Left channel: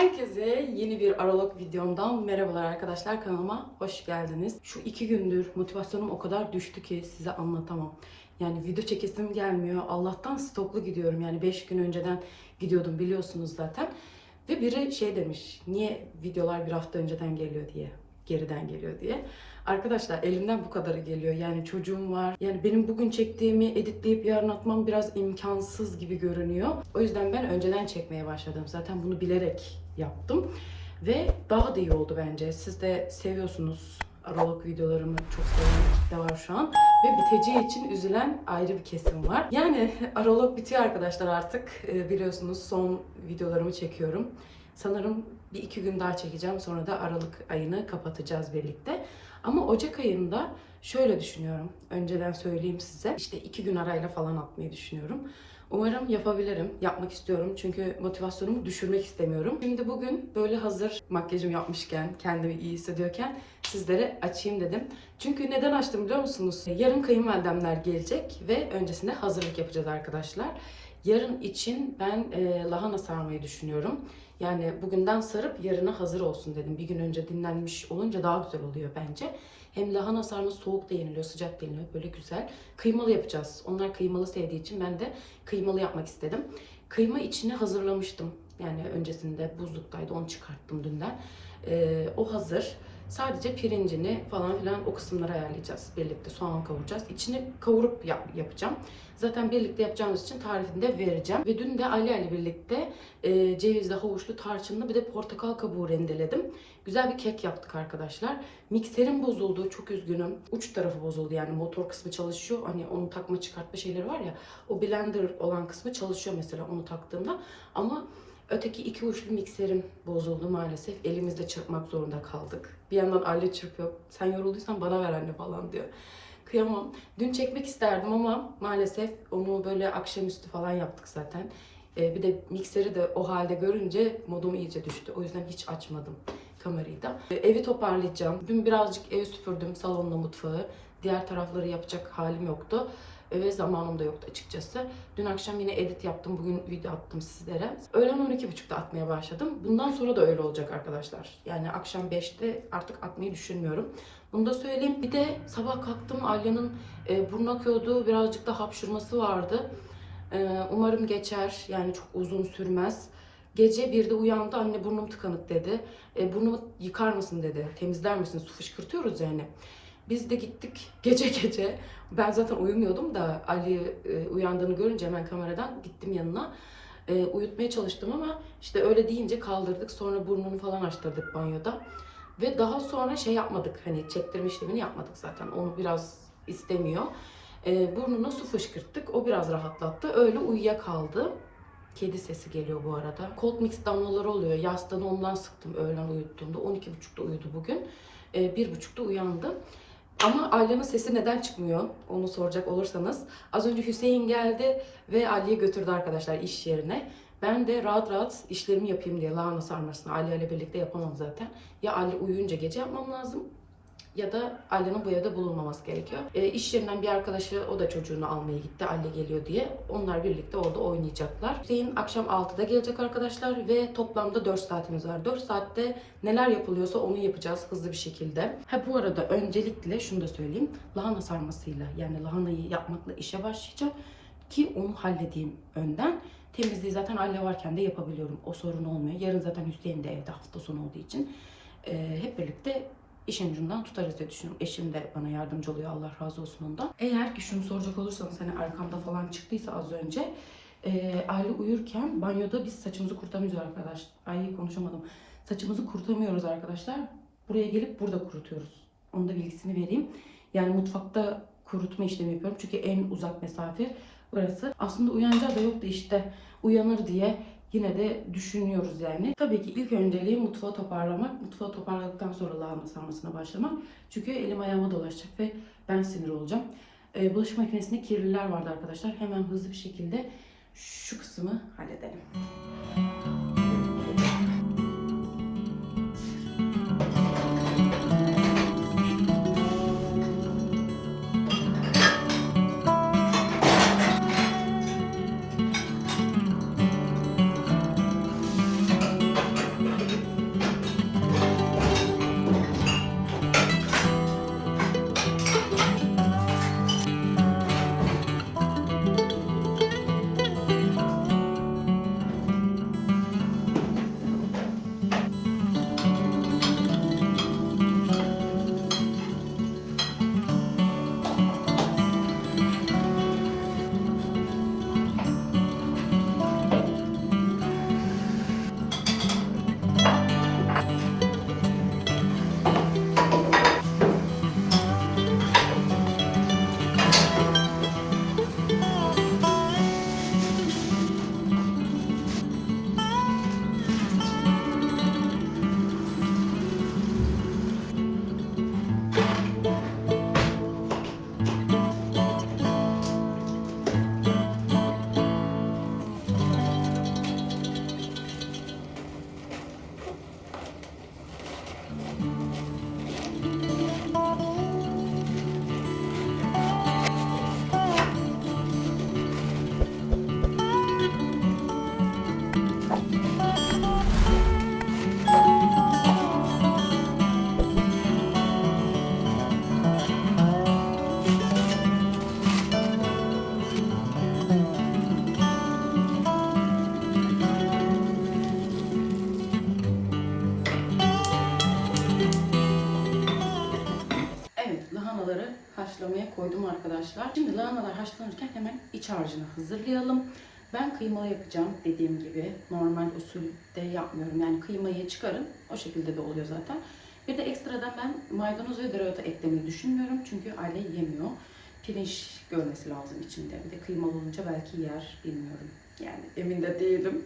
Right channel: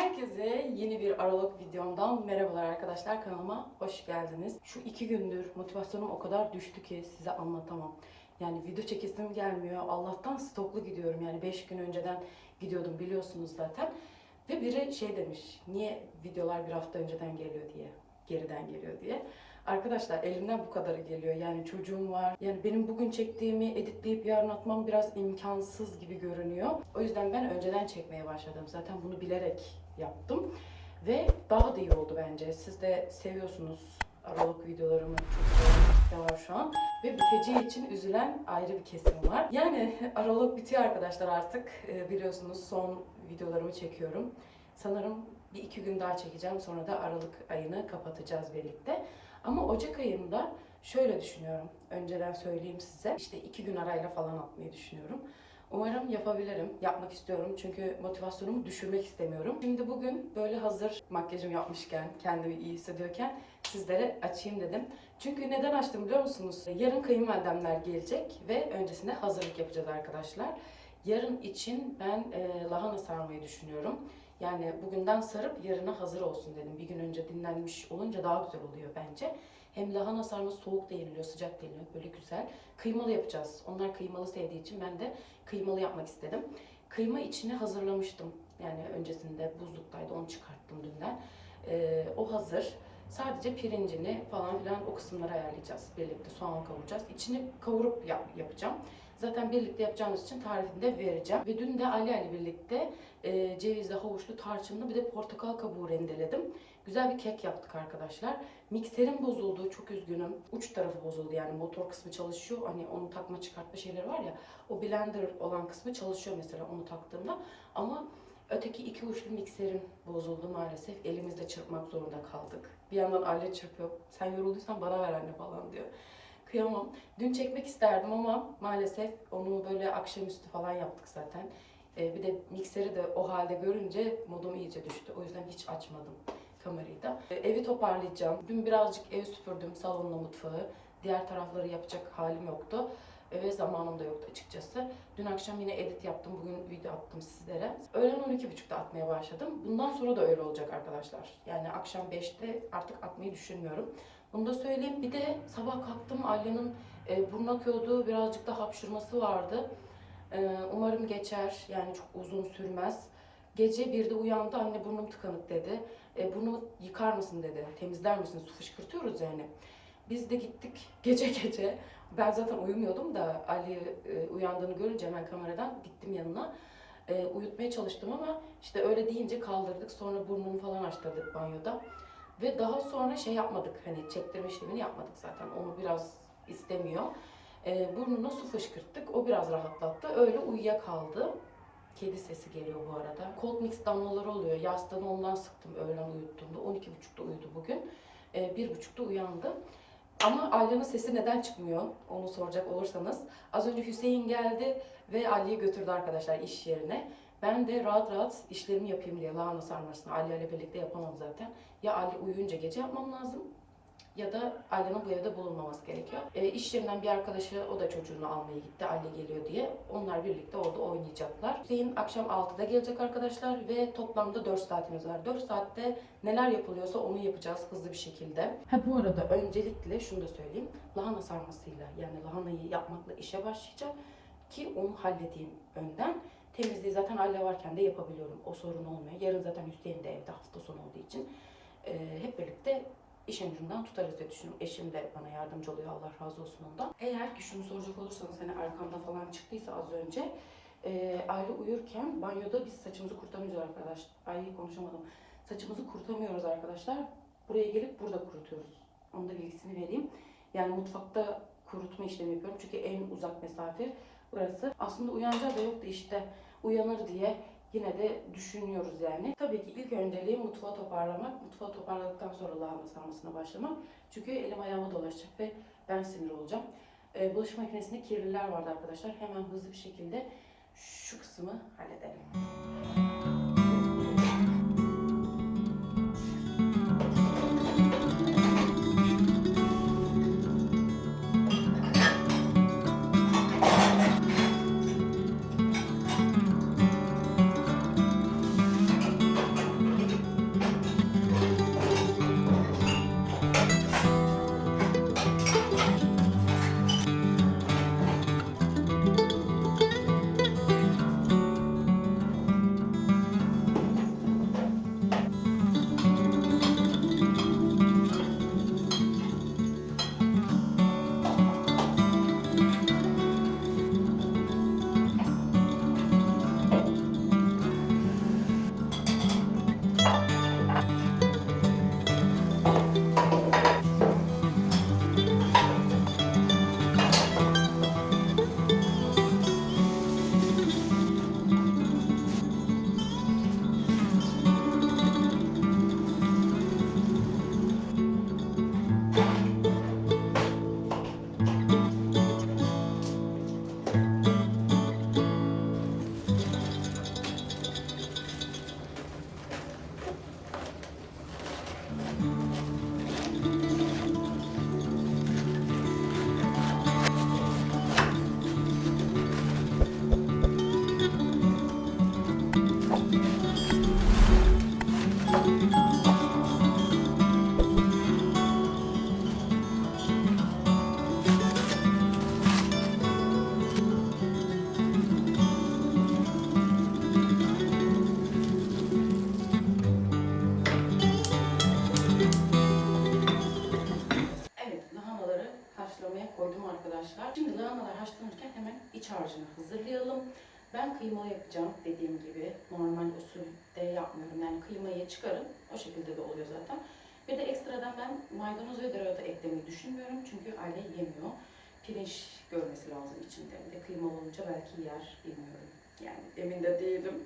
Herkese yeni bir Aralık videomdan merhabalar arkadaşlar kanalıma hoş geldiniz. Şu iki gündür motivasyonum o kadar düştü ki size anlatamam. Yani video çekesim gelmiyor. Allah'tan stoklu gidiyorum. Yani 5 gün önceden gidiyordum biliyorsunuz zaten. Ve biri şey demiş, niye videolar bir hafta önceden geliyor diye, geriden geliyor diye. Arkadaşlar elimden bu kadarı geliyor. Yani çocuğum var. Yani benim bugün çektiğimi editleyip yarın atmam biraz imkansız gibi görünüyor. O yüzden ben önceden çekmeye başladım. Zaten bunu bilerek yaptım. Ve daha da iyi oldu bence. Siz de seviyorsunuz Aralık videolarımı çok seven kitle var şu an. Ve biteceği için üzülen ayrı bir kesim var. Yani Aralık bitiyor arkadaşlar artık. Ee, Biliyorsunuz son videolarımı çekiyorum. Sanırım bir iki gün daha çekeceğim. Sonra da Aralık ayını kapatacağız birlikte. Ama Ocak ayında şöyle düşünüyorum. Önceden söyleyeyim size. İşte iki gün arayla falan atmayı düşünüyorum. Umarım yapabilirim. Yapmak istiyorum. Çünkü motivasyonumu düşürmek istemiyorum. Şimdi bugün böyle hazır makyajım yapmışken, kendimi iyi hissediyorken sizlere açayım dedim. Çünkü neden açtım biliyor musunuz? Yarın kayınvalidemler gelecek ve öncesinde hazırlık yapacağız arkadaşlar. Yarın için ben e, lahana sarmayı düşünüyorum. Yani bugünden sarıp yarına hazır olsun dedim. Bir gün önce dinlenmiş olunca daha güzel oluyor bence. Hem lahana sarması soğuk da yeniliyor, sıcak da yeniliyor. Böyle güzel. Kıymalı yapacağız. Onlar kıymalı sevdiği için ben de kıymalı yapmak istedim. Kıyma içini hazırlamıştım. Yani öncesinde buzluktaydı. Onu çıkarttım dünden. Ee, o hazır. Sadece pirincini falan filan o kısımları ayarlayacağız. Birlikte soğan kavuracağız. İçini kavurup yap- yapacağım. Zaten birlikte yapacağımız için tarifini de vereceğim. Ve dün de Ali ile birlikte e, cevizli, havuçlu, tarçınlı bir de portakal kabuğu rendeledim. Güzel bir kek yaptık arkadaşlar. Mikserim bozuldu. Çok üzgünüm. Uç tarafı bozuldu yani motor kısmı çalışıyor. Hani onu takma çıkartma şeyleri var ya. O blender olan kısmı çalışıyor mesela onu taktığımda. Ama öteki iki uçlu mikserim bozuldu maalesef. Elimizde çırpmak zorunda kaldık. Bir yandan Ali çırpıyor. Sen yorulduysan bana ver anne falan diyor. Kıyamam. Dün çekmek isterdim ama maalesef onu böyle akşamüstü falan yaptık zaten. Ee, bir de mikseri de o halde görünce modum iyice düştü. O yüzden hiç açmadım kamerayı da. Ee, evi toparlayacağım. Dün birazcık evi süpürdüm. Salonla mutfağı. Diğer tarafları yapacak halim yoktu. Ve zamanım da yoktu açıkçası. Dün akşam yine edit yaptım. Bugün video attım sizlere. Öğlen 12.30'da atmaya başladım. Bundan sonra da öyle olacak arkadaşlar. Yani akşam 5'te artık atmayı düşünmüyorum. Bunu da söyleyeyim. Bir de sabah kalktım Alya'nın e, burnu akıyordu. Birazcık da hapşurması vardı. E, umarım geçer. Yani çok uzun sürmez. Gece bir de uyandı. Anne burnum tıkanık dedi. E, burnumu yıkar mısın dedi. Temizler misin? Su fışkırtıyoruz yani. Biz de gittik gece gece. Ben zaten uyumuyordum da Ali e, uyandığını görünce hemen kameradan gittim yanına. E, uyutmaya çalıştım ama işte öyle deyince kaldırdık. Sonra burnunu falan açtırdık banyoda. Ve daha sonra şey yapmadık. Hani çektirme işlemini yapmadık zaten. Onu biraz istemiyor. E, burnuna su fışkırttık. O biraz rahatlattı. Öyle uyuyakaldı. Kedi sesi geliyor bu arada. Cold mix damlaları oluyor. Yastığını ondan sıktım öğlen uyuttuğumda. 12.30'da uyudu bugün. E, 1.30'da uyandı. Ama Alya'nın sesi neden çıkmıyor? Onu soracak olursanız. Az önce Hüseyin geldi ve Ali'yi götürdü arkadaşlar iş yerine. Ben de rahat rahat işlerimi yapayım diye lahana sarmasını Ali ile birlikte yapamam zaten. Ya Ali uyuyunca gece yapmam lazım ya da Alya'nın bu evde bulunmaması gerekiyor. E, iş yerinden bir arkadaşı o da çocuğunu almaya gitti. Alya geliyor diye. Onlar birlikte orada oynayacaklar. Hüseyin akşam 6'da gelecek arkadaşlar ve toplamda 4 saatimiz var. 4 saatte neler yapılıyorsa onu yapacağız hızlı bir şekilde. Ha bu arada öncelikle şunu da söyleyeyim. Lahana sarmasıyla yani lahanayı yapmakla işe başlayacağım ki onu halledeyim önden. Temizliği zaten Alya varken de yapabiliyorum. O sorun olmuyor. Yarın zaten Hüseyin de evde hafta sonu olduğu için e, hep birlikte işin ucundan tutarız diye düşünüyorum. Eşim de bana yardımcı oluyor. Allah razı olsun ondan. Eğer ki şunu soracak olursanız hani arkamda falan çıktıysa az önce e, Aile uyurken banyoda biz saçımızı kurutamıyoruz arkadaş. Ay konuşamadım. Saçımızı kurutamıyoruz arkadaşlar. Buraya gelip burada kurutuyoruz. Onun da bilgisini vereyim. Yani mutfakta kurutma işlemi yapıyorum. Çünkü en uzak mesafe burası. Aslında uyanacağı da yok da işte uyanır diye yine de düşünüyoruz yani. Tabii ki ilk önceliği mutfağı toparlamak. Mutfağı toparladıktan sonra lahana sarmasına başlamak. Çünkü elim ayağıma dolaşacak ve ben sinir olacağım. Ee, bulaşık makinesinde kirliler vardı arkadaşlar. Hemen hızlı bir şekilde şu kısmı halledelim. Arkadaşlar. Şimdi lahanalar haşlanırken hemen iç harcını hazırlayalım. Ben kıymalı yapacağım dediğim gibi. Normal usulde yapmıyorum. Yani kıymayı çıkarın. O şekilde de oluyor zaten. Bir de ekstradan ben maydanoz ve dereotu eklemeyi düşünmüyorum. Çünkü aile yemiyor. Pirinç görmesi lazım içinde. Bir de kıymalı olunca belki yer bilmiyorum. Yani emin de değilim.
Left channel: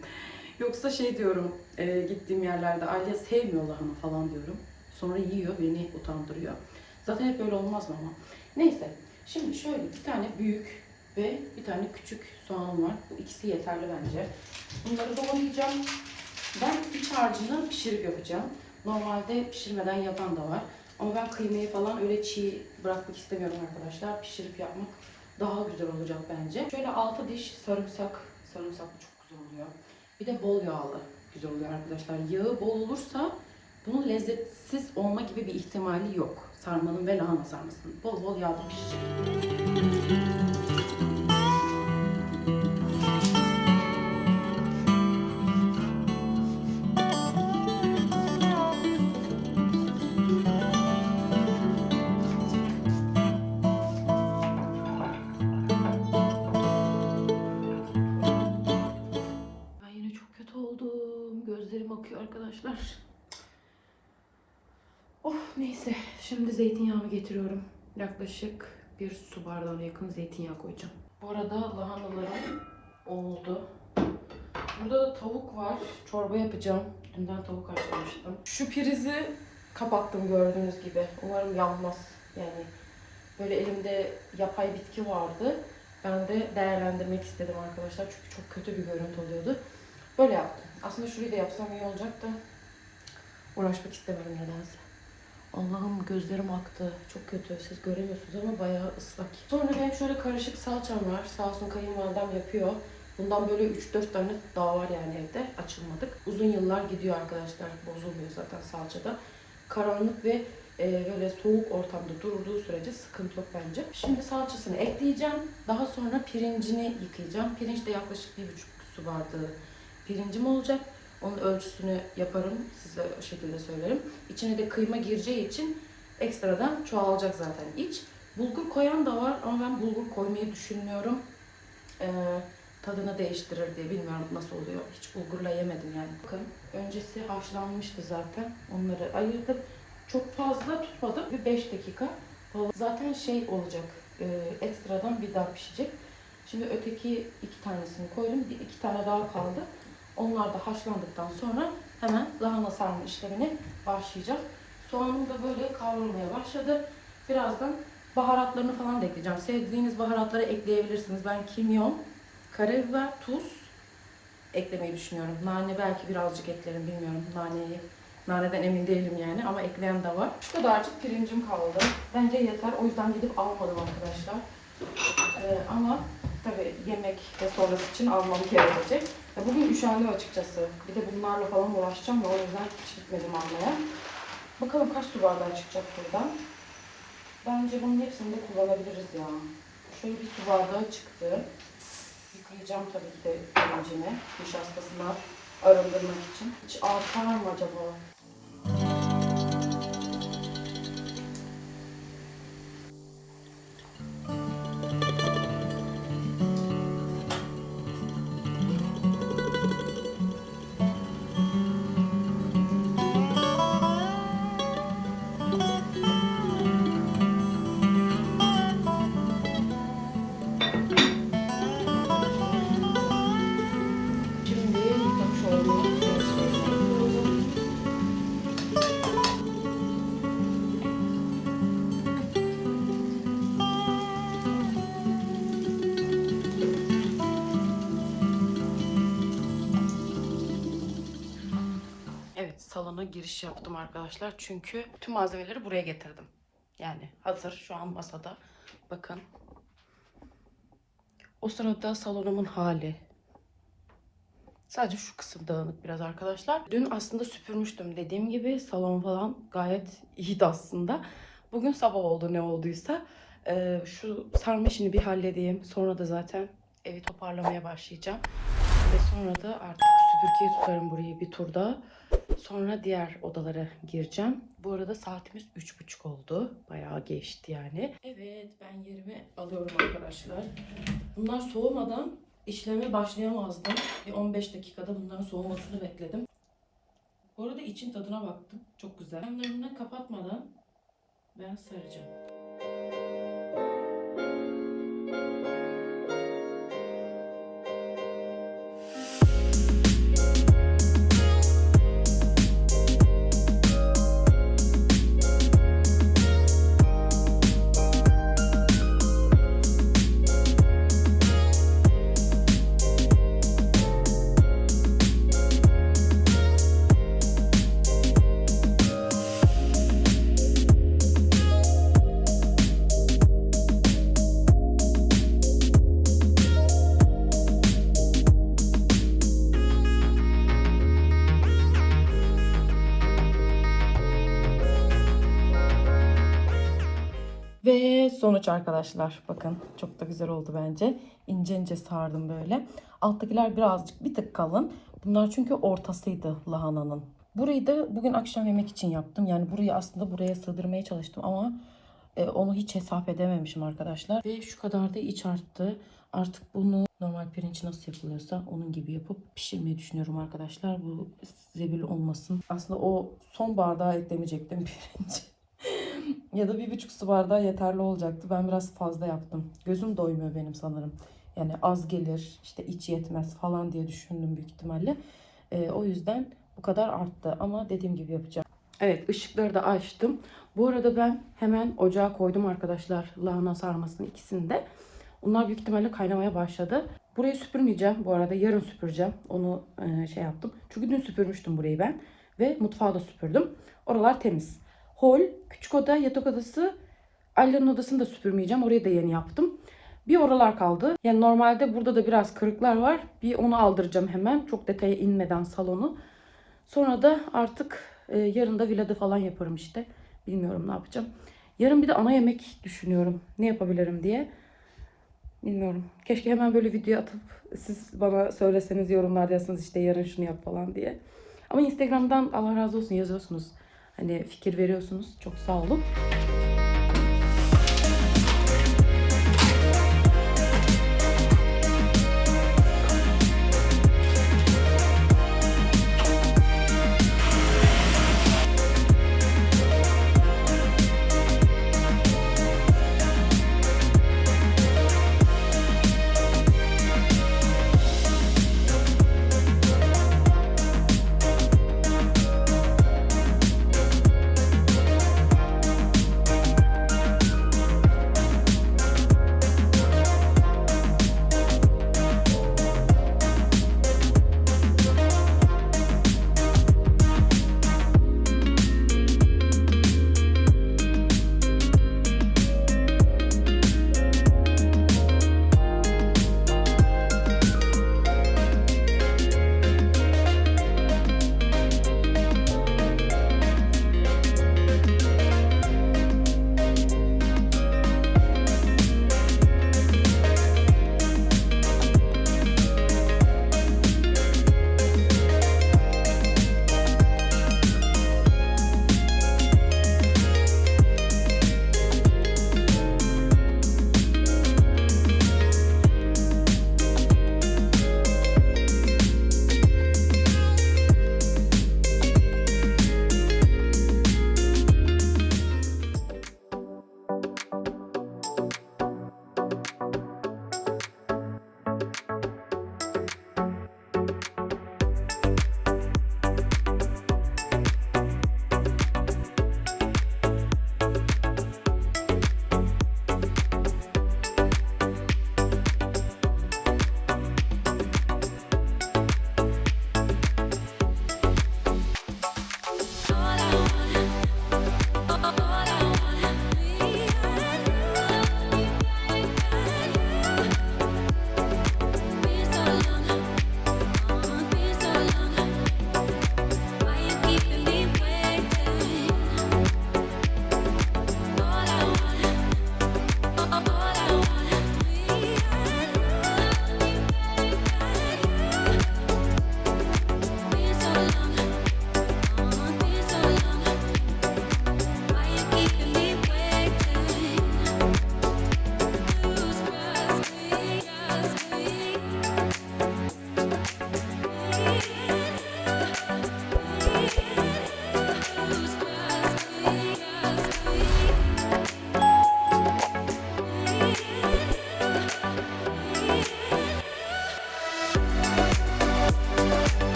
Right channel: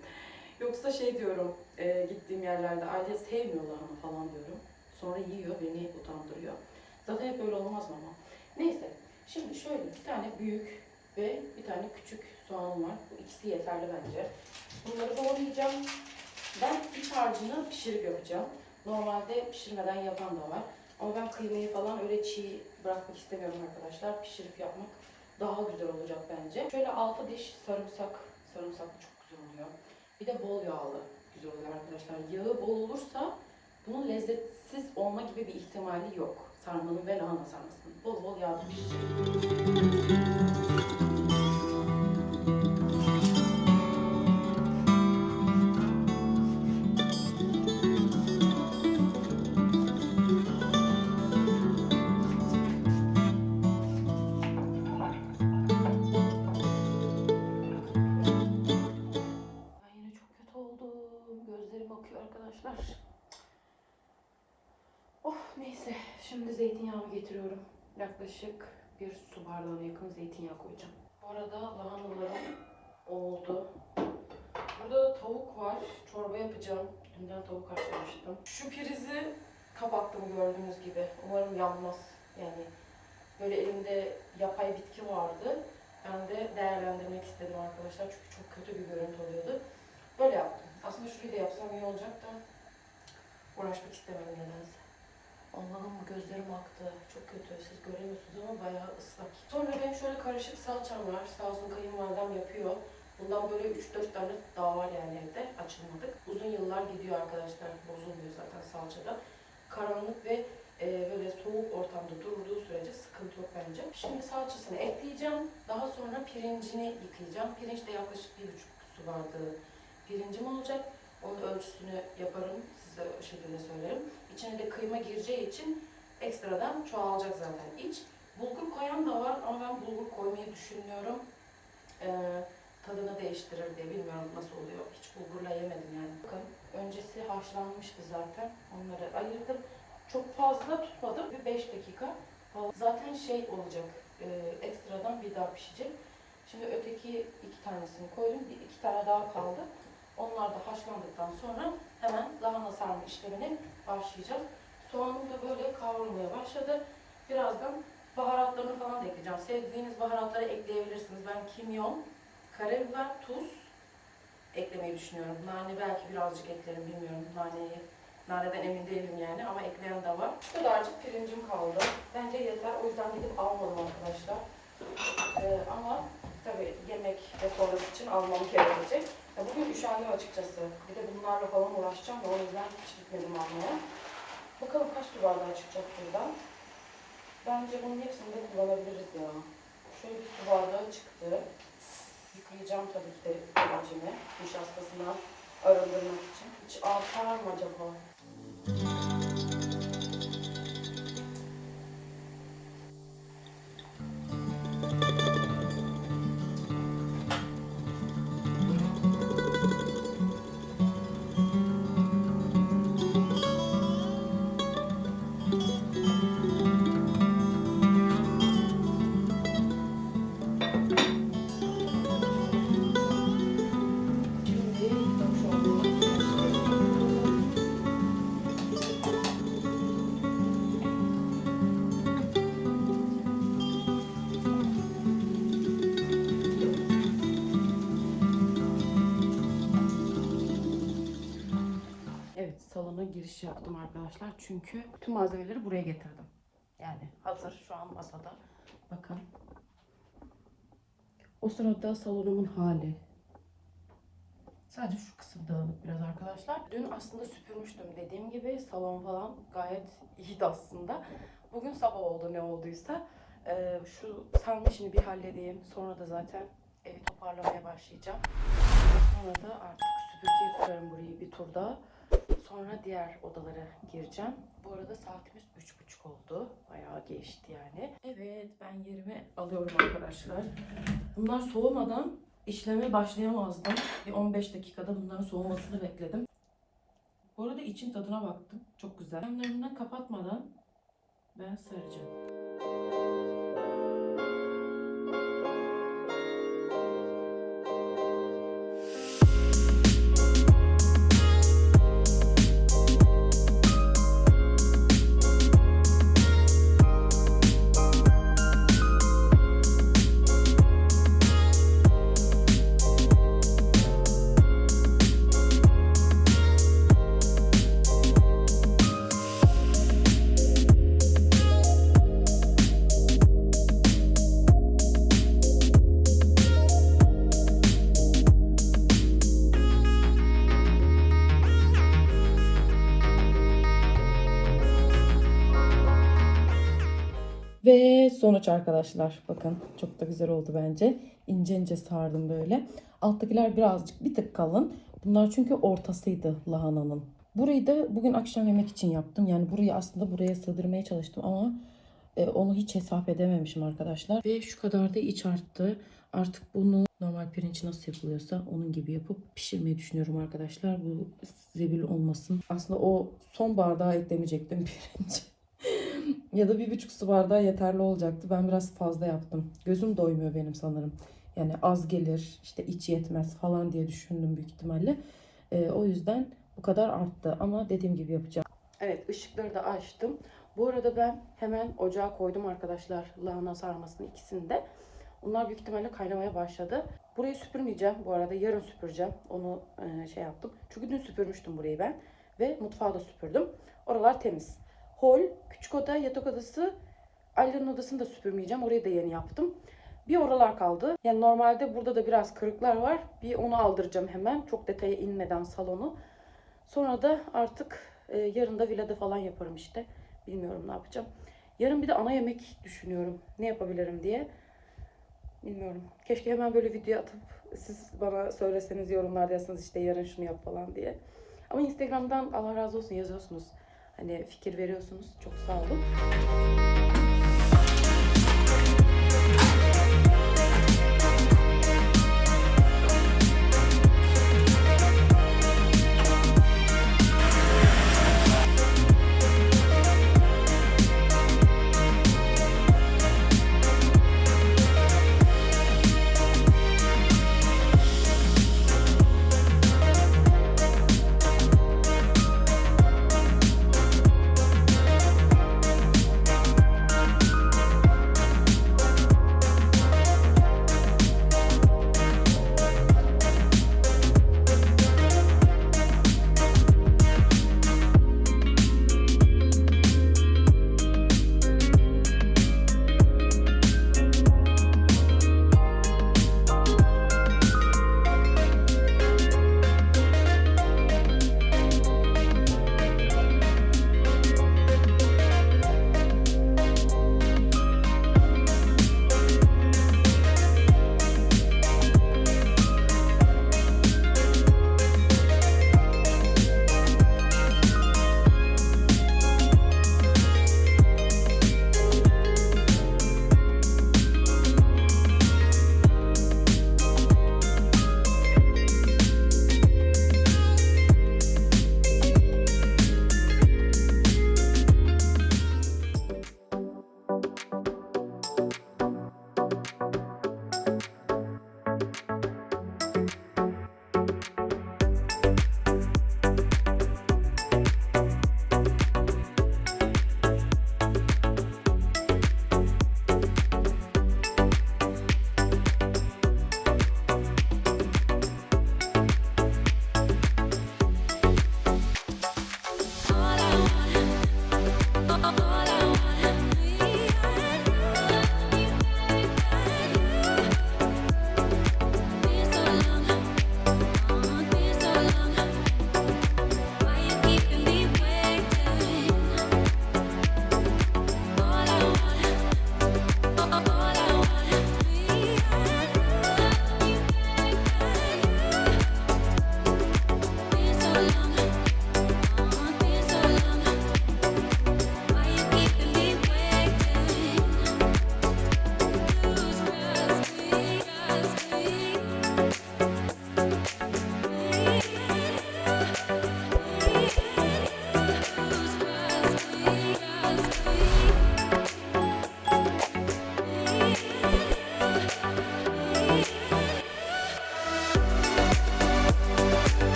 Yoksa şey diyorum e, gittiğim yerlerde aile sevmiyor lahana falan diyorum. Sonra yiyor beni utandırıyor. Zaten hep öyle olmaz ama. Neyse. Şimdi şöyle bir tane büyük ve bir tane küçük soğanım var. Bu ikisi yeterli bence. Bunları doğrayacağım. Ben iç harcını pişirip yapacağım. Normalde pişirmeden yapan da var. Ama ben kıymayı falan öyle çiğ bırakmak istemiyorum arkadaşlar. Pişirip yapmak daha güzel olacak bence. Şöyle 6 diş sarımsak. Sarımsaklı çok güzel oluyor. Bir de bol yağlı güzel oluyor arkadaşlar. Yağı bol olursa bunun lezzetsiz olma gibi bir ihtimali yok. Sarmanın ve lahana sarmasının. Bol bol yağda pişecek. Gözlerim akıyor arkadaşlar. Of neyse. Şimdi zeytinyağımı getiriyorum. Yaklaşık bir su bardağına yakın zeytinyağı koyacağım. Bu arada lahanalarım oldu. Burada da tavuk var. Çorba yapacağım. Dünden tavuk haşlamıştım. Şu prizi kapattım gördüğünüz gibi. Umarım yanmaz. Yani böyle elimde yapay bitki vardı. Ben de değerlendirmek istedim arkadaşlar. Çünkü çok kötü bir görüntü oluyordu. Böyle yaptım. Aslında şurayı da yapsam iyi olacak da uğraşmak istemedim nedense. Allah'ım gözlerim aktı. Çok kötü. Siz göremiyorsunuz ama bayağı ıslak. Sonra benim şöyle karışık salçam var. Sağ olsun kayınvalidem yapıyor. Bundan böyle 3-4 tane daha var yani evde. Açılmadık. Uzun yıllar gidiyor arkadaşlar. Bozulmuyor zaten salçada. Karanlık ve e, böyle soğuk ortamda durduğu sürece sıkıntı yok bence. Şimdi salçasını ekleyeceğim. Daha sonra pirincini yıkayacağım. Pirinç de yaklaşık bir buçuk su bardağı pirincim olacak. Onun ölçüsünü yaparım. Size şekilde söylerim. İçine de kıyma gireceği için ekstradan çoğalacak zaten iç. Bulgur koyan da var ama ben bulgur koymayı düşünmüyorum. Ee, tadını değiştirir diye bilmiyorum nasıl oluyor. Hiç bulgurla yemedim yani. Bakın öncesi haşlanmıştı zaten. Onları ayırdım. Çok fazla tutmadım. Bir 5 dakika. Zaten şey olacak. E, ekstradan bir daha pişecek. Şimdi öteki iki tanesini koydum. Bir iki tane daha kaldı. Onlar da haşlandıktan sonra hemen lahana sarma işlemine başlayacağız. Soğanım da böyle kavrulmaya başladı. Birazdan baharatlarını falan da ekleyeceğim. Sevdiğiniz baharatları ekleyebilirsiniz. Ben kimyon, karabiber, tuz eklemeyi düşünüyorum. Nane belki birazcık eklerim bilmiyorum naneyi. Naneden emin değilim yani ama ekleyen de var. Şu kadarcık pirincim kaldı. Bence yeter. O yüzden gidip almadım arkadaşlar. Ee, ama tabii yemek ve sonrası için almam gerekecek. Ya Bugün üşendim açıkçası. Bir de bunlarla falan uğraşacağım da o yüzden hiç gitmedim almaya. Bakalım kaç su bardağı çıkacak buradan. Bence bunun hepsini de kullanabiliriz ya. Şöyle bir su bardağı çıktı. Yıkayacağım tabii ki de pirincini. Nişastasını arındırmak için. Hiç artar mı acaba? Yaptım arkadaşlar. Çünkü tüm malzemeleri buraya getirdim. Yani hazır şu an masada. Bakın. O sırada salonumun hali. Sadece şu kısım dağınık biraz arkadaşlar. Dün aslında süpürmüştüm dediğim gibi. Salon falan gayet iyiydi aslında. Bugün sabah oldu ne olduysa. Ee, şu sarma işini bir halledeyim. Sonra da zaten evi toparlamaya başlayacağım. Ve sonra da artık süpürgeye tutarım burayı bir turda. Sonra diğer odalara gireceğim. Bu arada saatimiz üç buçuk oldu. Bayağı geçti yani. Evet ben yerimi alıyorum arkadaşlar. Bunlar soğumadan işleme başlayamazdım. Bir 15 dakikada bunların soğumasını bekledim. Bu arada için tadına baktım. Çok güzel. Yanlarını kapatmadan ben saracağım. Sonuç arkadaşlar bakın çok da güzel oldu bence. İnce ince sardım böyle. Alttakiler birazcık bir tık kalın. Bunlar çünkü ortasıydı lahananın. Burayı da bugün akşam yemek için yaptım. Yani burayı aslında buraya sığdırmaya çalıştım ama e, onu hiç hesap edememişim arkadaşlar. Ve şu kadar da iç arttı. Artık bunu normal pirinç nasıl yapılıyorsa onun gibi yapıp pişirmeyi düşünüyorum arkadaşlar. Bu zebil olmasın. Aslında o son bardağı eklemeyecektim pirinç. Ya da bir buçuk su bardağı yeterli olacaktı. Ben biraz fazla yaptım. Gözüm doymuyor benim sanırım. Yani az gelir, işte iç yetmez falan diye düşündüm büyük ihtimalle. Ee, o yüzden bu kadar arttı. Ama dediğim gibi yapacağım. Evet ışıkları da açtım. Bu arada ben hemen ocağa koydum arkadaşlar lahana sarmasını ikisini de. Onlar büyük ihtimalle kaynamaya başladı. Burayı süpürmeyeceğim bu arada. Yarın süpüreceğim. Onu e, şey yaptım. Çünkü dün süpürmüştüm burayı ben. Ve mutfağı da süpürdüm. Oralar temiz. Hol, küçük oda, yatak odası. Ali'nin odasını da süpürmeyeceğim. Orayı da yeni yaptım. Bir oralar kaldı. Yani normalde burada da biraz kırıklar var. Bir onu aldıracağım hemen. Çok detaya inmeden salonu. Sonra da artık e, yarın da villada falan yaparım işte. Bilmiyorum ne yapacağım. Yarın bir de ana yemek düşünüyorum. Ne yapabilirim diye. Bilmiyorum. Keşke hemen böyle video atıp siz bana söyleseniz yorumlarda yazsanız işte yarın şunu yap falan diye. Ama Instagram'dan Allah razı olsun yazıyorsunuz. Hani fikir veriyorsunuz. Çok sağ olun.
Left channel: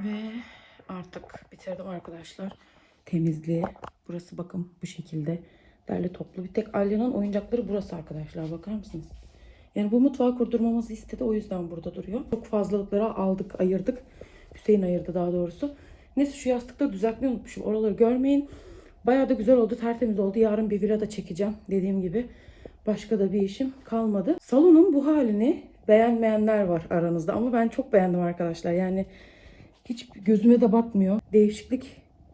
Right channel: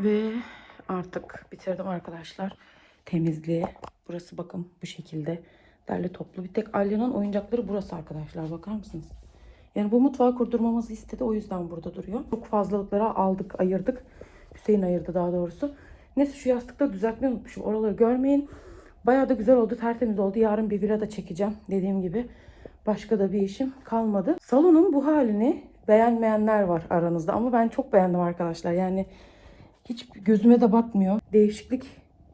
Ve artık bitirdim arkadaşlar. Temizliği. Burası bakın bu şekilde. Derli toplu. Bir tek Alya'nın oyuncakları burası arkadaşlar. Bakar mısınız? Yani bu mutfağı kurdurmamızı istedi. O yüzden burada duruyor. Çok fazlalıklara aldık, ayırdık. Hüseyin ayırdı daha doğrusu. Neyse şu yastıkları düzeltmeyi unutmuşum. Oraları görmeyin. Bayağı da güzel oldu. Tertemiz oldu. Yarın bir villa da çekeceğim. Dediğim gibi. Başka da bir işim kalmadı. Salonun bu halini beğenmeyenler var aranızda. Ama ben çok beğendim arkadaşlar. Yani hiç gözüme de batmıyor. Değişiklik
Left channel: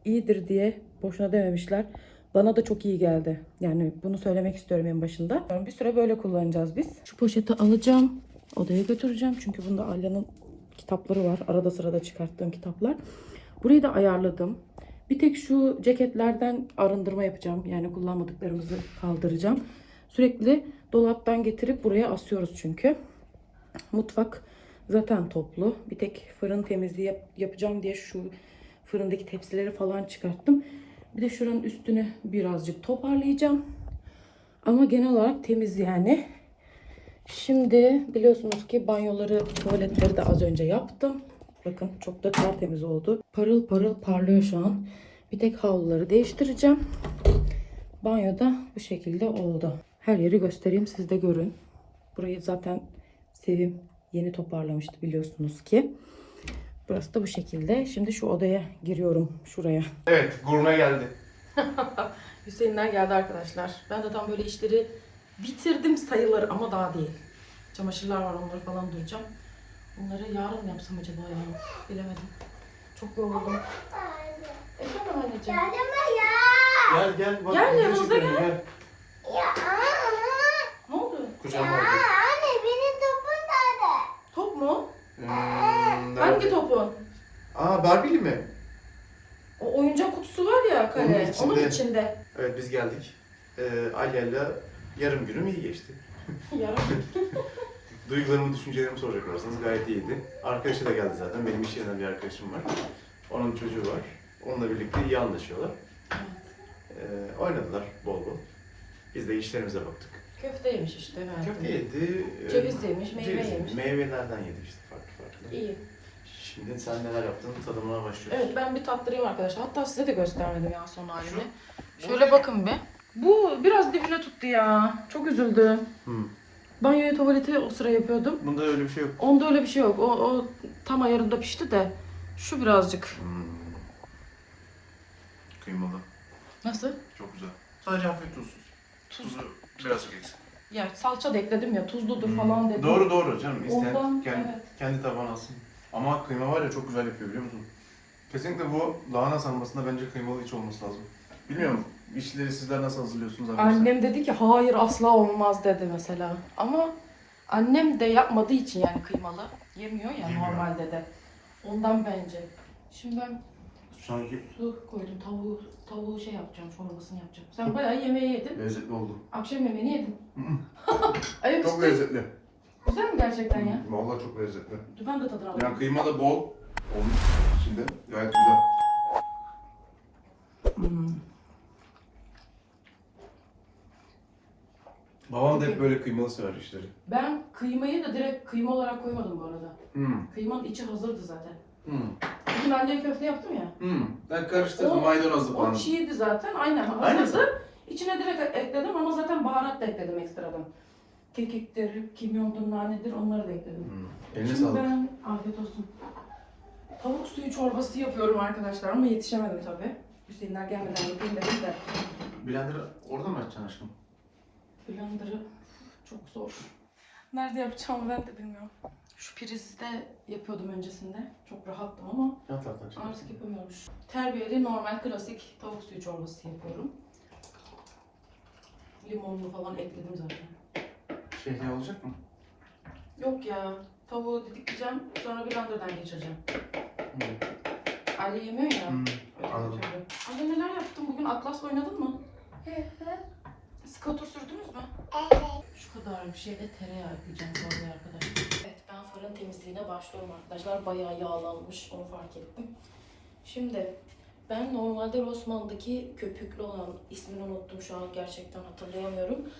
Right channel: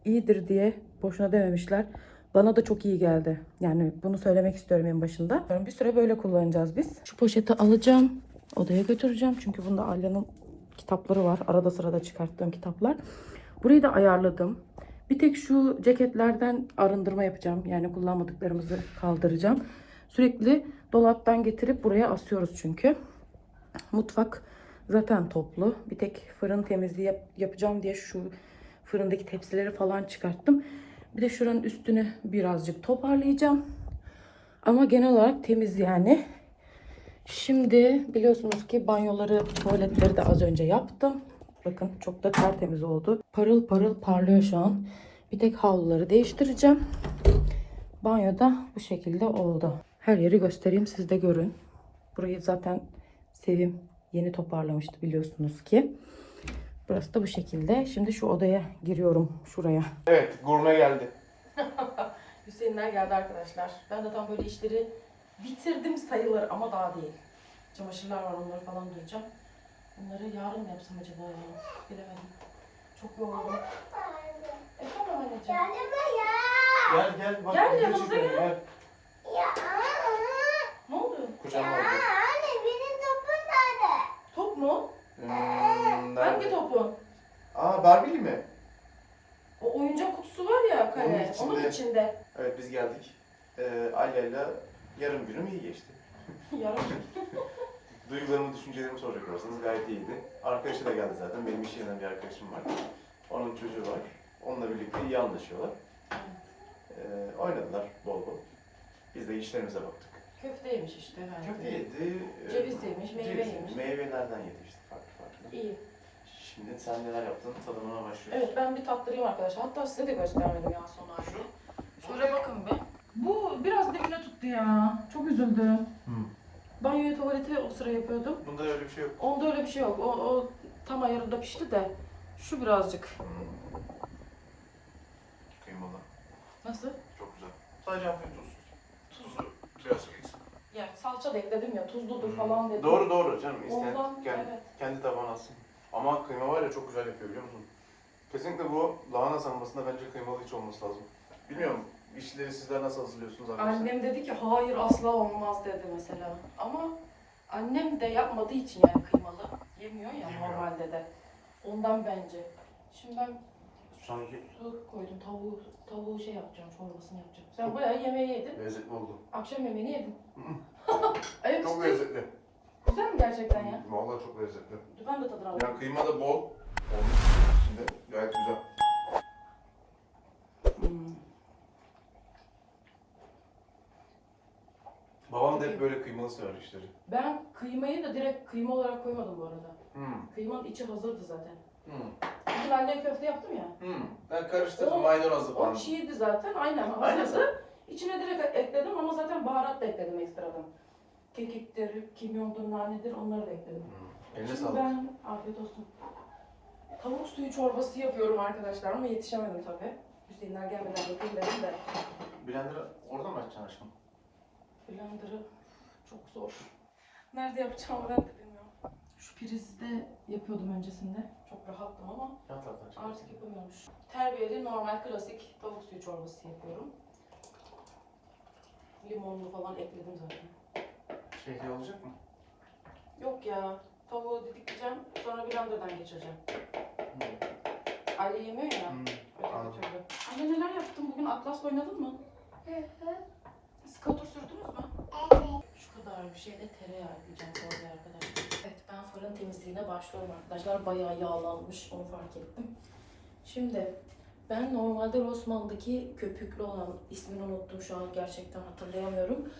iyidir diye boşuna dememişler. Bana da çok iyi geldi. Yani bunu söylemek istiyorum en başında. Bir süre böyle kullanacağız biz. Şu poşeti alacağım. Odaya götüreceğim. Çünkü bunda Alya'nın kitapları var. Arada sırada çıkarttığım kitaplar. Burayı da ayarladım. Bir tek şu ceketlerden arındırma yapacağım. Yani kullanmadıklarımızı kaldıracağım. Sürekli dolaptan getirip buraya asıyoruz çünkü. Mutfak zaten toplu. Bir tek fırın temizliği yap- yapacağım diye şu fırındaki tepsileri falan çıkarttım. Bir de şuranın üstünü birazcık toparlayacağım. Ama genel olarak temiz yani. Şimdi biliyorsunuz ki banyoları, tuvaletleri de az önce yaptım. Bakın çok da tertemiz oldu. Parıl parıl parlıyor şu an. Bir tek havluları değiştireceğim. Banyoda bu şekilde oldu. Her yeri göstereyim siz de görün. Burayı zaten Sevim yeni toparlamıştı biliyorsunuz ki. Burası da bu şekilde. Şimdi şu odaya giriyorum şuraya. Evet, gurme geldi. Hüseyinler geldi arkadaşlar. Ben de tam böyle işleri bitirdim sayılır ama daha değil. Çamaşırlar var onları falan duyacağım. Bunları yarın mı yapsam acaba ya? Bilemedim. Çok yoruldum. Efendim anneciğim. Gel gel. Bak, Gel, yanımıza gel. gel. Ne oldu? Kucağıma al. Top mu? Hmm, Hangi topun? Aa, Barbie'li mi? O oyuncak kutusu var ya kale. Onun Onun içinde. içinde. Evet, biz geldik. Ee, Alya'yla yarım günüm iyi geçti. Yarın. Duygularımı, düşüncelerimi soracak olursanız gayet iyiydi. Arkadaşı da geldi zaten. Benim iş yerinden bir arkadaşım var. Onun çocuğu var. Onunla birlikte iyi anlaşıyorlar. Ee, oynadılar bol bol. Biz de işlerimize baktık. Köfte yemiş işte. Köfte yedi. e, Ceviz yemiş, meyve ceviz yemiş. Meyvelerden yedi işte farklı farklı. İyi. Şimdi sen neler yaptın tadımına başlıyoruz. Evet ben bir tattırayım arkadaşlar. Hatta size de göstermedim ya son halini. Şöyle bakın bir. Bu biraz dibine tuttu ya. Çok üzüldüm. Hı. Banyoyu tuvaleti o sıra yapıyordum. Bunda öyle bir şey yok. Onda öyle bir şey yok. O, o tam ayarında pişti de. Şu birazcık. Kıymalı. Nasıl? Çok güzel. Sadece hafif tuz. Tuzu birazcık eksik. Ya salça da ekledim ya tuzludur falan dedim. Doğru doğru canım. İsteyen Ondan, kendi, evet. kendi tabağına alsın. Ama kıyma var ya çok güzel yapıyor biliyor musun? Kesinlikle bu lahana sarmasında bence kıymalı iç olması lazım. Bilmiyorum işleri sizler nasıl hazırlıyorsunuz arkadaşlar? Annem dedi ki hayır asla olmaz dedi mesela. Ama annem de yapmadığı için yani kıymalı. Yemiyor ya Yemiyor. normalde de. Ondan bence. Şimdi ben Sanki su koydum. Tavuğu, tavuğu şey yapacağım, çorbasını yapacağım. Sen bayağı yemeği yedin. lezzetli oldu. Akşam yemeğini yedin. Ayıp Çok lezzetli. Güzel mi gerçekten ya? Vallahi çok lezzetli. Dur ben de tadına Yani bakayım. kıyma da bol olmuş içinde. Gayet güzel. Hmm. Babam da hep böyle kıymalı sever işleri. Ben kıymayı da direkt kıyma olarak koymadım bu arada. Hmm. Kıymanın içi hazırdı zaten. Hmm. Bugün ben de köfte yaptım ya. Hmm. Ben karıştırdım O- maydanozlu O falan. çiğdi zaten. Aynen Aynen. hazırdı. İçine direkt ekledim ama zaten baharat da ekledim ekstradan. Kekiktir, kimyondur, nanedir onları da ekledim. Eline Şimdi sağlık. ben afiyet olsun. Tavuk suyu çorbası yapıyorum arkadaşlar ama yetişemedim tabii. Hüseyinler gelmeden yapayım dedim de. Blender'ı orada mı açacaksın aşkım? Blender'ı çok zor. Nerede yapacağımı ben de bilmiyorum. Şu prizde yapıyordum öncesinde. Çok rahattım ama Yan taraftan artık yapamıyorum. Terbiyeli normal klasik tavuk suyu çorbası yapıyorum. Limonlu falan ekledim zaten. Şehriye olacak mı? Yok ya. Tavuğu didikleyeceğim. Sonra blenderdan geçireceğim. Hmm. Ali yemiyor ya. Hmm. Anladım. yapıyorum. Anne neler yaptın? Bugün Atlas'la oynadın mı? Skatur sürdünüz mü? Şu kadar bir şeyde tereyağı ekleyeceğim oraya arkadaşlar. Evet ben fırın temizliğine başlıyorum arkadaşlar. Bayağı yağlanmış onu fark ettim. Şimdi ben normalde Rossmann'daki köpüklü olan ismini unuttum şu an gerçekten hatırlayamıyorum.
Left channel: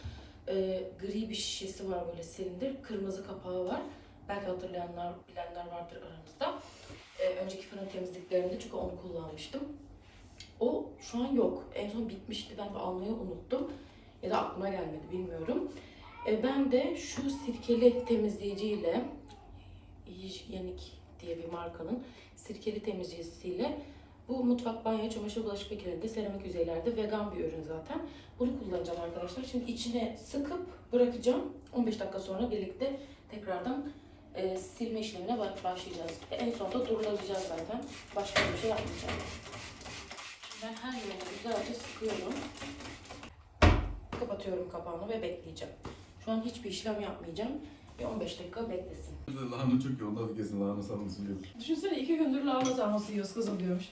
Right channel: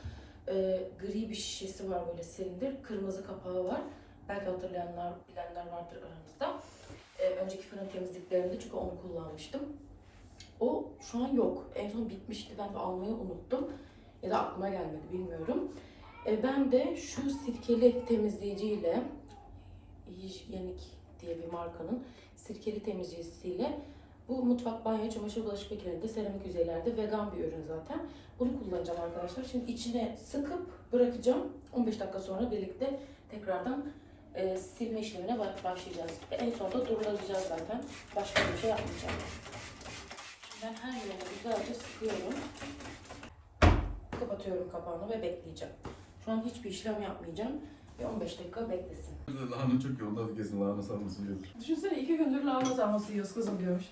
Ee, gri bir şişesi var böyle silindir. Kırmızı kapağı var. Belki hatırlayanlar, bilenler vardır aranızda. Ee, önceki fırın temizliklerimde çünkü onu kullanmıştım. O şu an yok. En son bitmişti. Ben de almayı unuttum. Ya da aklıma gelmedi bilmiyorum. Ee, ben de şu sirkeli temizleyiciyle Hijyenik diye bir markanın sirkeli temizleyicisiyle bu mutfak, banyo, çamaşır, bulaşık makinelerinde, seramik yüzeylerde vegan bir ürün zaten. Bunu kullanacağım arkadaşlar. Şimdi içine sıkıp bırakacağım. 15 dakika sonra birlikte tekrardan e, silme işlemine ba- başlayacağız. Ve en sonunda durulayacağız zaten. Başka bir şey yapmayacağım. Şimdi ben her yerine güzelce sıkıyorum. Kapatıyorum kapağını ve bekleyeceğim. Şu an hiçbir işlem yapmayacağım. Bir 15 dakika beklesin. Lahana çok iyi. Ondan kesin lahana sarması yiyordur. Düşünsene iki gündür lahana sarması yiyoruz kızım diyormuş.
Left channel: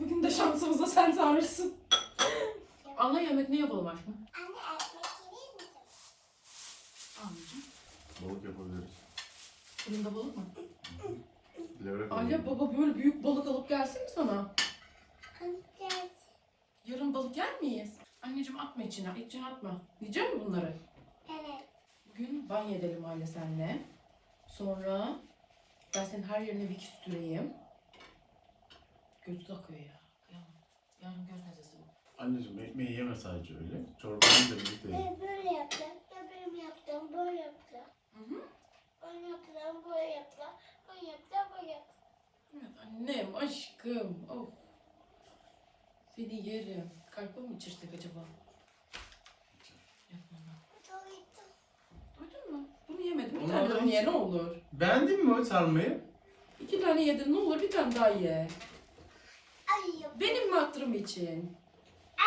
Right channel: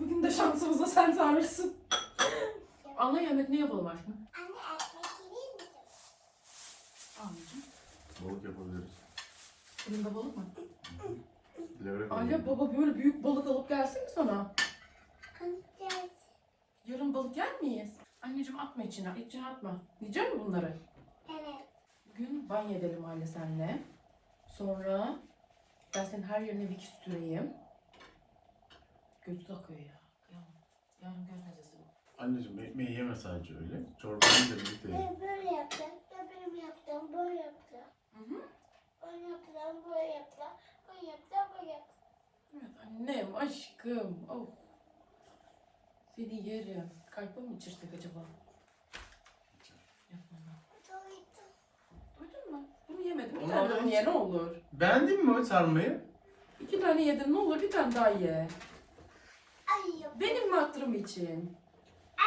Bugün de şansımıza sen sarmışsın. Ana yemek ne yapalım aşkım? Anne ekmek misin? Anneciğim. Balık yapabiliriz. Fırında balık mı? Levrek Alya alalım. baba böyle büyük balık alıp gelsin mi sana? Anne Yarın balık yer miyiz? Anneciğim atma içine, içine atma. Yiyecek mi bunları? evet. Bugün banyo edelim anne senle. Sonra ben senin her yerine Vicks süreyim. Gözü takıyor ya. Yarın göz nezlesi bu. Anneciğim ekmeği yeme sadece öyle. Çorbanı da birlikte ye. Ben böyle yaptım. Ben böyle yaptım. Böyle yaptım. Hı hı. Böyle yaptım. Böyle yaptım. Böyle yaptım. Böyle yaptım. Evet annem, aşkım. Of. Seni yerim. Kalpa mı içirsek acaba? Yapma lan. Doydum. Duydun mu? Bunu yemedim. Bir Onu tane daha ye ne olur. Beğendin mi o sarmayı? İki tane yedin ne olur bir tane daha ye. Benim mi hatırım için?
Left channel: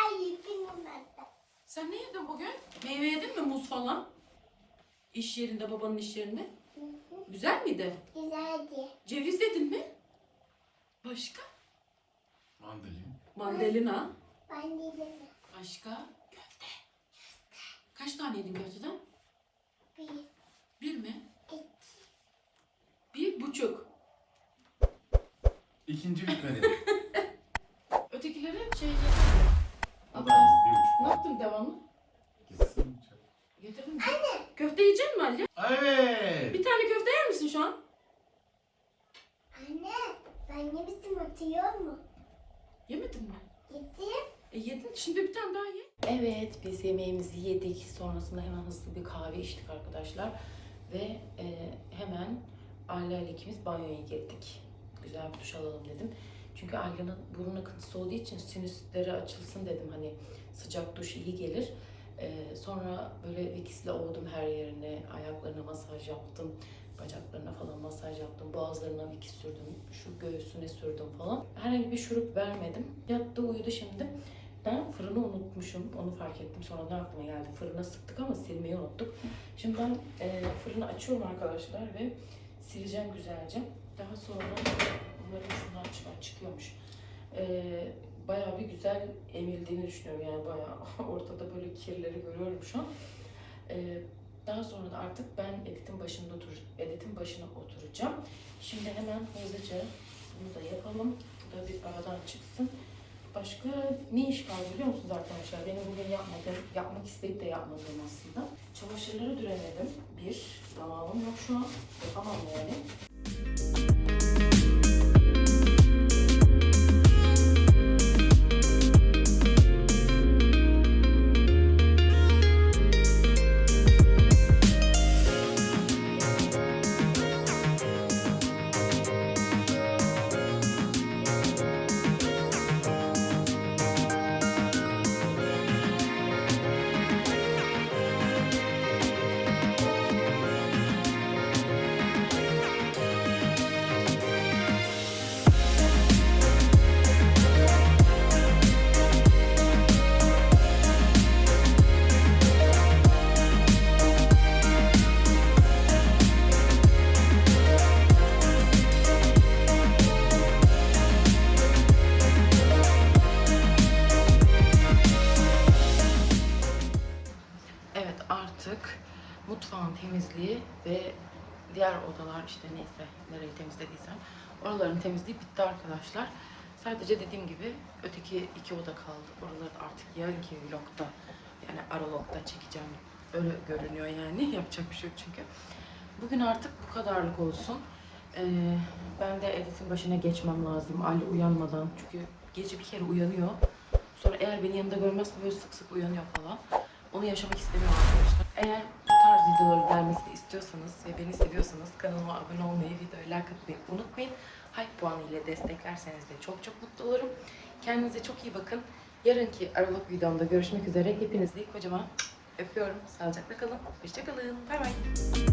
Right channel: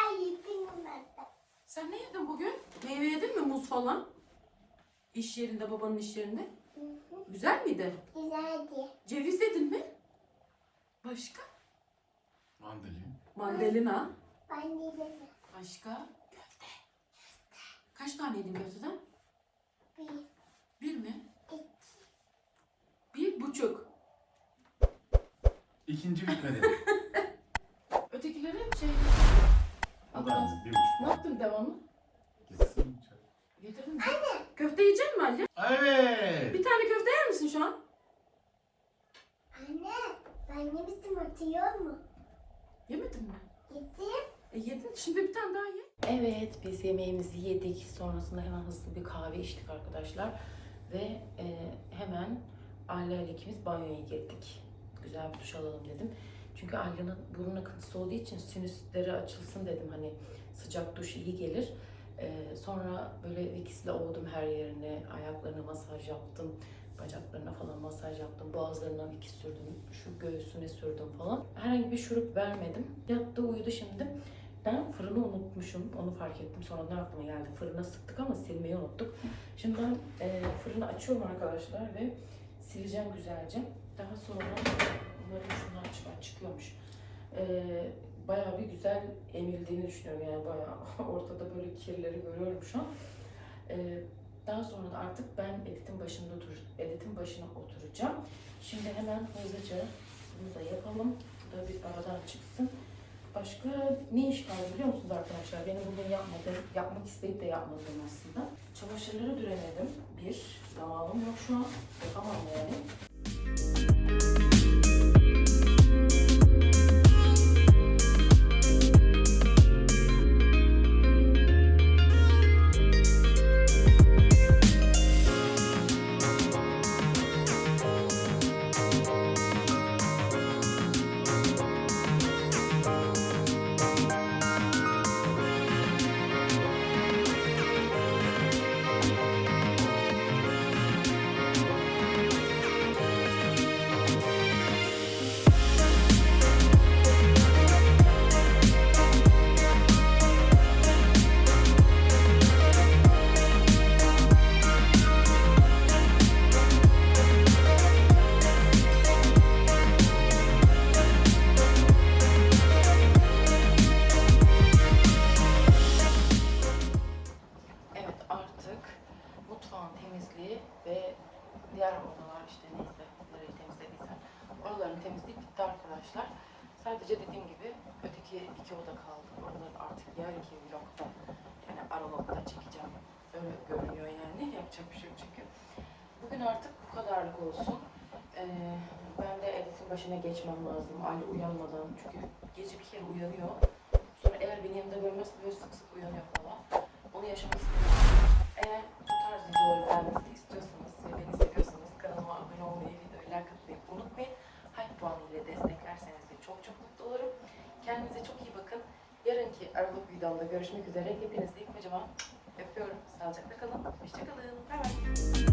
Ay benim ben. Sen ne yedin bugün? Meyve yedin mi muz falan? İş yerinde, babanın iş yerinde. Hı hı. Güzel miydi? Güzeldi. Ceviz yedin mi? Başka? Mandalin. Mandalina. Yedim. Başka? Köfte. Kaç tane yedin köfteden? Bir. Bir mi? iki. Bir buçuk. İkinci bitmedi. Ötekileri şey... bir buçuk. Ne yaptın devamlı? Gitsin. Getirdin mi? Köfte yiyecek misin Ali? Evet. Bir tane köfte yer misin şu an? Anne ben yemiştim atıyor mu? Yemedin mi? Yedim. E yedin. Şimdi bir tane daha ye. Evet biz yemeğimizi yedik. Sonrasında hemen hızlı bir kahve içtik arkadaşlar. Ve e, hemen Alya ile ikimiz banyoya girdik. Güzel bir duş alalım dedim. Çünkü Alya'nın burun akıntısı olduğu için sinüsleri açılsın dedim. Hani sıcak duş iyi gelir. E, sonra böyle Vicks'le ovdum her yerine. Ayaklarına masaj yaptım. Bacaklarına falan masaj yaptım. Boğazlarına Vicks sürdüm. Şu göğsüne sürdüm falan. Herhangi bir şurup vermedim. Yattı uyudu şimdi. Ben fırını unutmuşum. Onu fark ettim. Sonradan aklıma geldi. Fırına sıktık ama silmeyi unuttuk. Şimdi ben e, fırını açıyorum arkadaşlar ve sileceğim güzelce. Daha sonra umarım şundan çıkıyormuş. E, bayağı bir güzel emildiğini düşünüyorum. Yani bayağı ortada böyle kirleri görüyorum şu an. E, daha sonra da artık ben editin başında otur, editin başına oturacağım. Şimdi hemen hızlıca bunu da yapalım. Bu da bir aradan çıksın. Başka ne iş kaldı biliyor musunuz arkadaşlar? Benim bugün yapmadığım, yapmak isteyip de yapmadığım aslında. Çamaşırları düremedim. Bir, zamanım yok şu an. Yapamam yani. Diğer odalar işte neyse nereyi temizlediysem oraların temizliği bitti arkadaşlar. Sadece dediğim gibi öteki iki oda kaldı. Oraları da artık yarınki vlogda yani aralogda çekeceğim. Öyle görünüyor yani. Yapacak bir şey yok çünkü. Bugün artık bu kadarlık olsun. Ee, ben de editin başına geçmem lazım Ali uyanmadan. Çünkü gece bir kere uyanıyor. Sonra eğer beni yanında görmezse böyle sık sık uyanıyor falan. Onu yaşamak istemiyorum arkadaşlar. Eğer videoları gelmesini istiyorsanız ve beni seviyorsanız kanalıma abone olmayı, videoya like atmayı unutmayın. Hype puanı ile desteklerseniz de çok çok mutlu olurum. Kendinize çok iyi bakın. Yarınki Aralık videomda görüşmek üzere. Hepinizi kocaman öpüyorum. Sağlıcakla kalın. Hoşçakalın. Bay bay.